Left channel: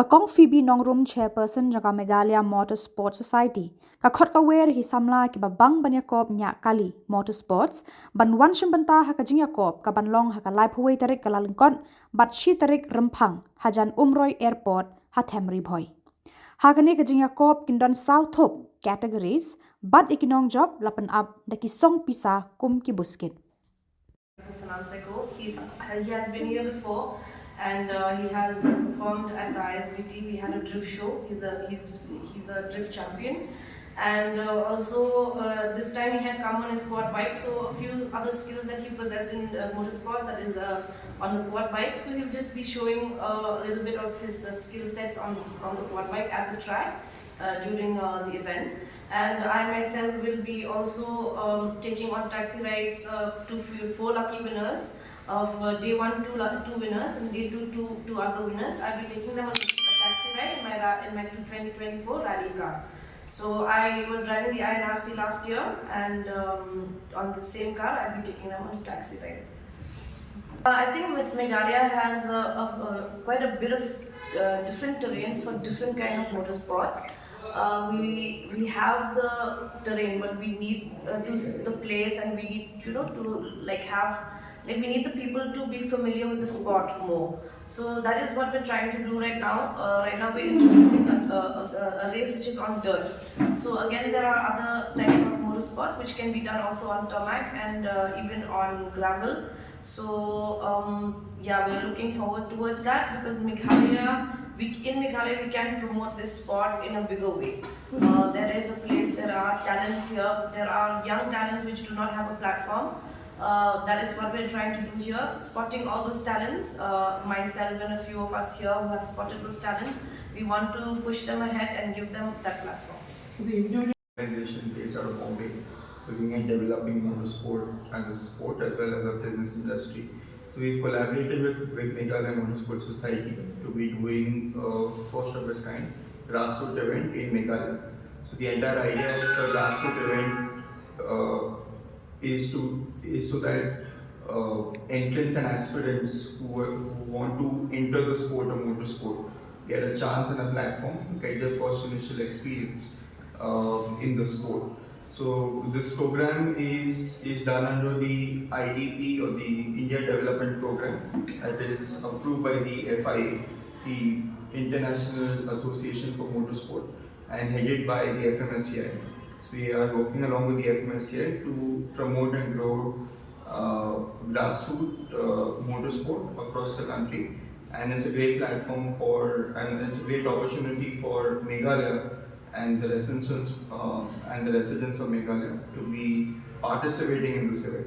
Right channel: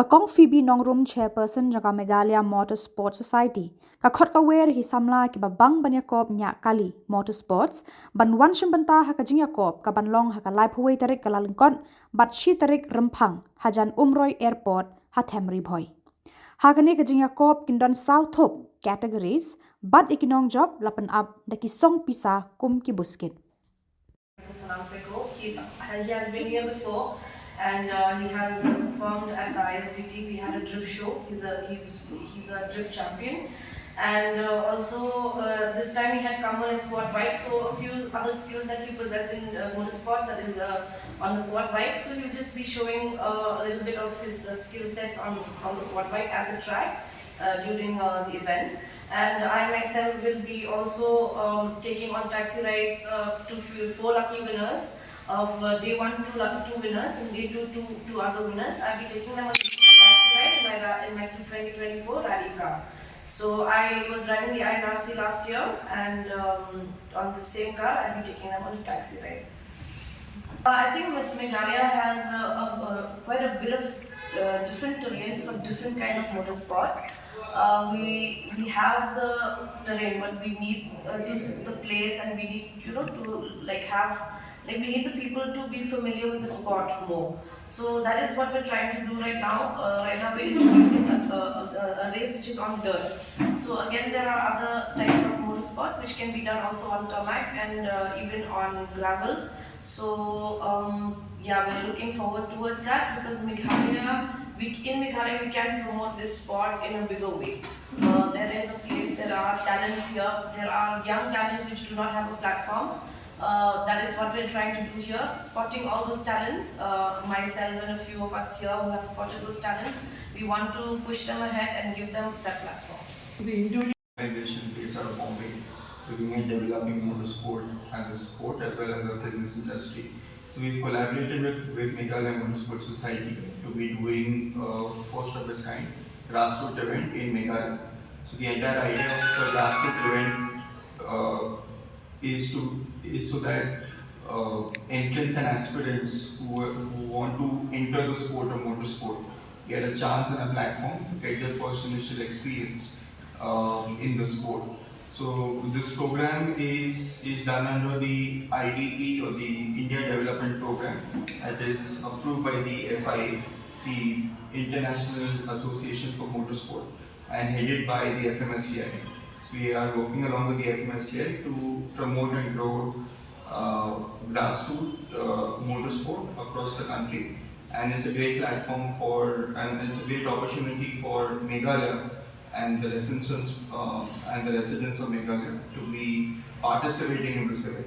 Kakong Phoebe Nongrum chairperson jaga Meghalaya Motor Sports Society. Khot kawer hi Samla kiba Iakop Niah Motor Sports ban Shim Bynta jingiakop ka banlong Ri Bhoi tarik Kyllalyngkot bat shi tarik Rymphang hajan Umroi Airport Ri Bhoi. Hagani jingiakop kindon south thup categories bat nongjop lapan up daki song pisa ki buskit. He has been here before, and he has performed at the ISBT. We had a drift show. He's a drift champion, and also this time he had come on his quad bike. So a few other skills that he possesses in motorsports, that is on the quad bike. So he'll just be showing a little bit of his skill sets on the quad bike at the track during the event. And I myself will be also taking on taxi rides to 4 lucky winners of day 1, 2 winners, and day 2 other winners. I'll be taking them on a taxi ride in my 2024 rally car. So I was driving the INRC last year, and on the same car I'll be taking them on the taxi ride. I think that Meghalaya has quite a bit of different terrains for different kind of motorsports. We have the terrain, but we need the place, and we need we need the people to be familiar with the sport more. So that is what we're trying to do right now. Right now we're introducing a race which is on dirt. So again, there are other types of motorsports which can be done also on tarmac and even on gravel. So yeah, we're looking forward towards that, because in Meghalaya we can promote this sport in a bigger way. There is a place, there are talents here, there are young talents which do not have a platform. That is what we're trying to do here, spotting all those talents. Myself and a few of us here who have spotted those talents, we want to push them ahead and give them that platform. Organization based out of Bombay, looking at developing motorsport as a sport as well as a business industry. So we've collaborated with Meghalaya Motor Sports Society to be doing first of its kind grassroots event in Meghalaya. So the entire idea of the grassroots event is so that entrants and aspirants who want to enter the sport of motorsport get a chance and a platform to get their first initial experience in the sport. So this program is done under the IDP, or the India Development Program, that is approved by the FIA, the International Association for Motorsport, and headed by the FMSCI. So we are working along with the FMSCI to promote and grow grassroots motorsport across the country, and it's a great platform and it's a great opportunity for Meghalaya and the residents of Meghalaya to be participating in this event.